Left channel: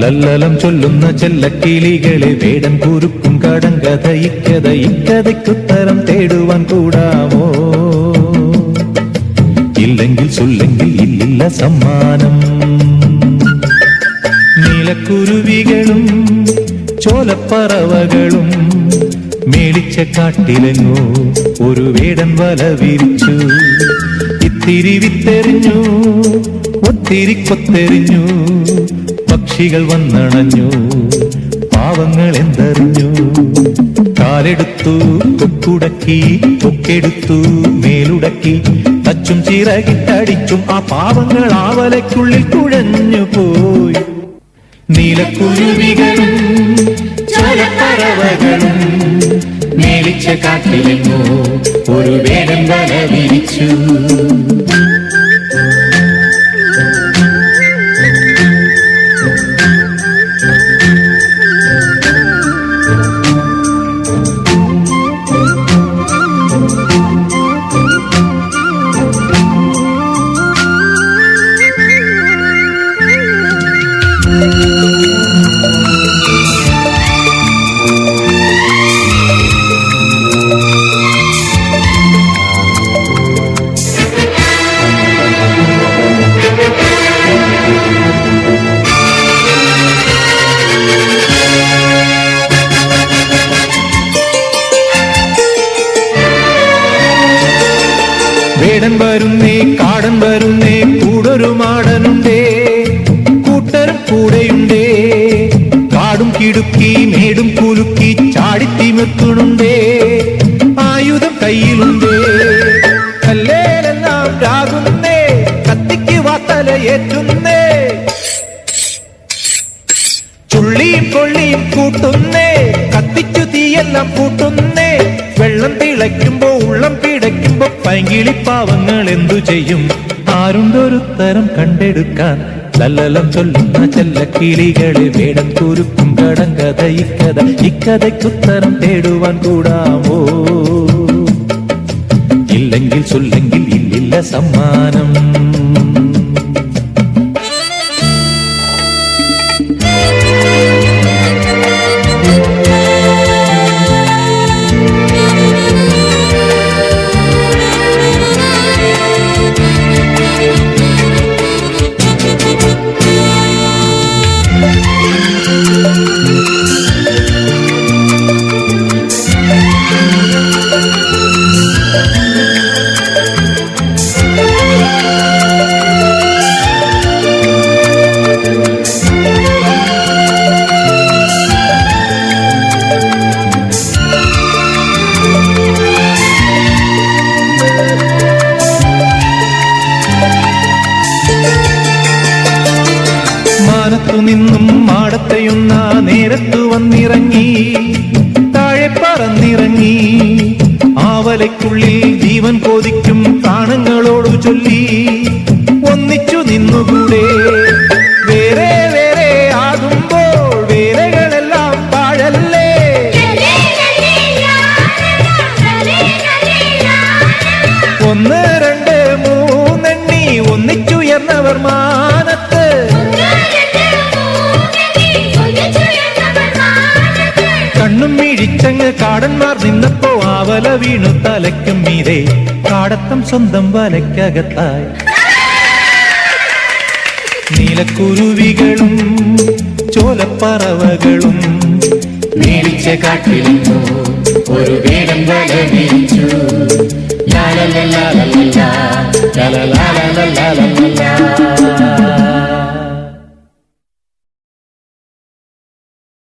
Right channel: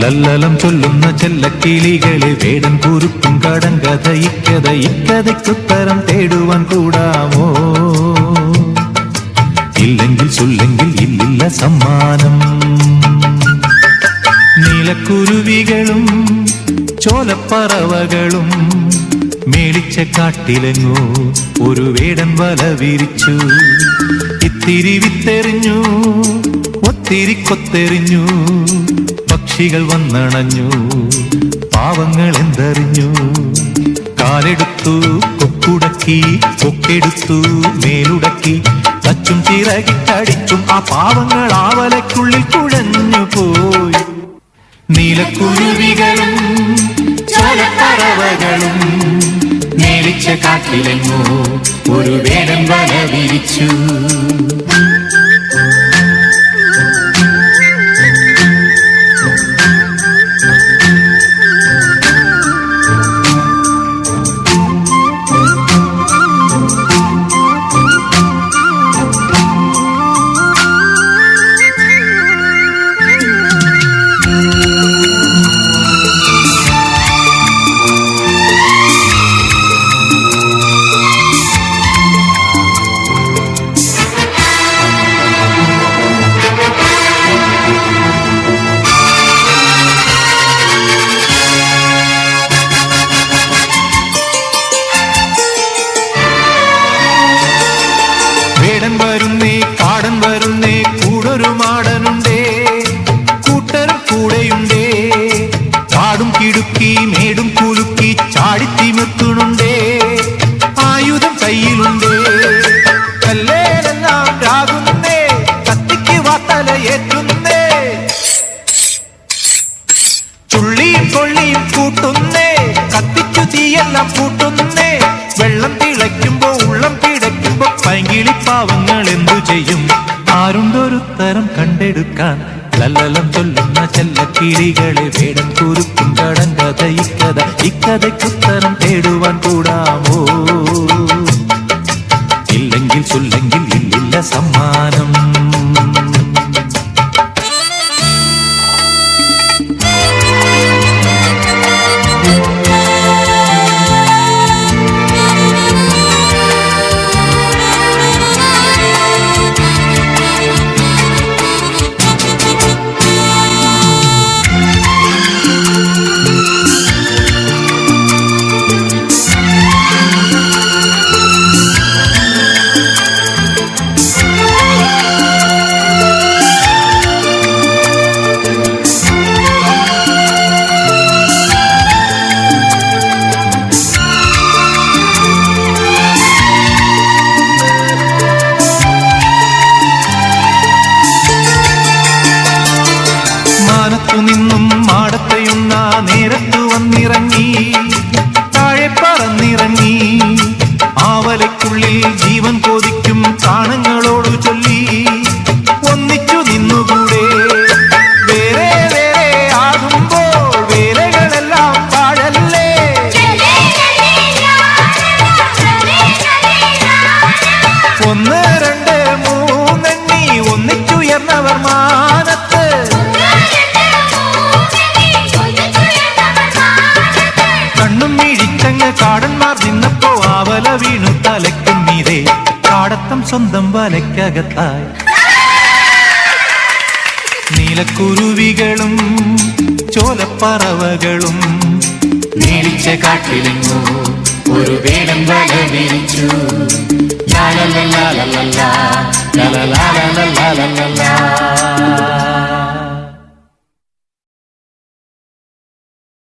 ലല്ലലം ചൊല്ലുന്ന ചെല്ലക്കിളികളെ വേടൻ കുരുക്കും കടങ്കഥ ഇക്കഥയ്ക്കുത്തരം തേടുവാൻ കൂടാമോ? ഇല്ലെങ്കിൽ ചൊല്ലെങ്കിൽ ഇല്ലില്ല സമ്മാനം. നീലക്കുരുവികളും ചോലപ്പറവകളും മേളിച്ച കാട്ടിലെങ്ങോ ഒരു വേടൻ വല വിരിച്ചു. ഇത്തിരി വിത്തെറിഞ്ഞു, ഒത്തിരി കൊത്തെറിഞ്ഞു, പക്ഷികൾ വന്നണഞ്ഞു, പാവങ്ങൾ എന്തറിഞ്ഞു. കാലെടുത്തു കൊക്കുടക്കി, കൊക്കെടുത്തു മേലുടക്കി, തച്ചും ചിറകിട്ടടിച്ചും ആ പാവങ്ങൾ ആവലയ്ക്കുള്ളിൽ കുഴഞ്ഞു പോയി. നീലക്കുരുവികളും ചോലപ്പറവകളും മേളിച്ച കാട്ടിലെങ്ങോ ഒരു വേടൻ വല വിരിച്ചു. വേടൻ വരുന്നേ, കാടൻ വരുന്നേ, കൂടൊരു മാടനുണ്ടേ, കൂട്ടർ കൂടെയുണ്ടേ, കാടും കിടുക്കി മേടും കുലുക്കി ചാടിത്തിമിർത്തുന്നുണ്ടേ, ആയുധം കയ്യിലുണ്ടേ. കല്ലേലെല്ലാം രാകുന്നേ, കത്തിക്ക് വാത്തലയേറ്റുന്നേ, ചുള്ളിയും കൊള്ളിയും കൂട്ടുന്നേ, കത്തിക്കു തീയെല്ലാം കൂട്ടുന്നേ. വെള്ളം തിളയ്ക്കുമ്പോ ഉള്ളം പിടയ്ക്കുമ്പോ പൈങ്കിളിപ്പാവങ്ങൾ എന്തു ചെയ്യും? ആരുണ്ടൊരുത്തരം കണ്ടെടുക്കാൻ? ലല്ലലം ചൊല്ലുന്ന ചെല്ലക്കിളികളെ വേടൻ കുരുക്കും കടങ്കഥ ഇക്കഥയ്ക്കുത്തരം തേടുവാൻ കൂടാമോ? ഇല്ലെങ്കിൽ ചൊല്ലെങ്കിൽ ഇല്ലില്ല സമ്മാനം. നിന്നും മാടത്തെയുന്ന നേരത്തു വന്നിറങ്ങി, താഴെ പറന്നിറങ്ങി, ആവലയ്ക്കുള്ളിൽ ജീവൻ കൊതിക്കും കാണങ്ങളോട് ചൊല്ലി ഒന്നിച്ചു നിന്നുകൂടെ. വേറെ വേറെ ആകുമ്പോൾ വേലകളെല്ലാം താഴല്ലേ, ഒന്ന് രണ്ട് മൂന്നെണ്ണി ഒന്നിച്ചുയർന്നവർ മാനത്ത്. കണ്ണും മിഴിച്ചങ്ങ് കാടന്മാർ നിന്നപ്പോ ആവല വീണു തലയ്ക്കും നീരേ, കാടത്തം സ്വന്തം വലയ്ക്കകത്തായി. നീലക്കുരുവികളും ചോലപ്പറവകളും മേടിച്ച കാട്ടിലെങ്ങോ ഒരു വേടൻ വല വിരിച്ചു. ലാ ലാ ലാ ലാ ലാ ലാ ലാ ലാ ലാ ലാ ലാ ലാ.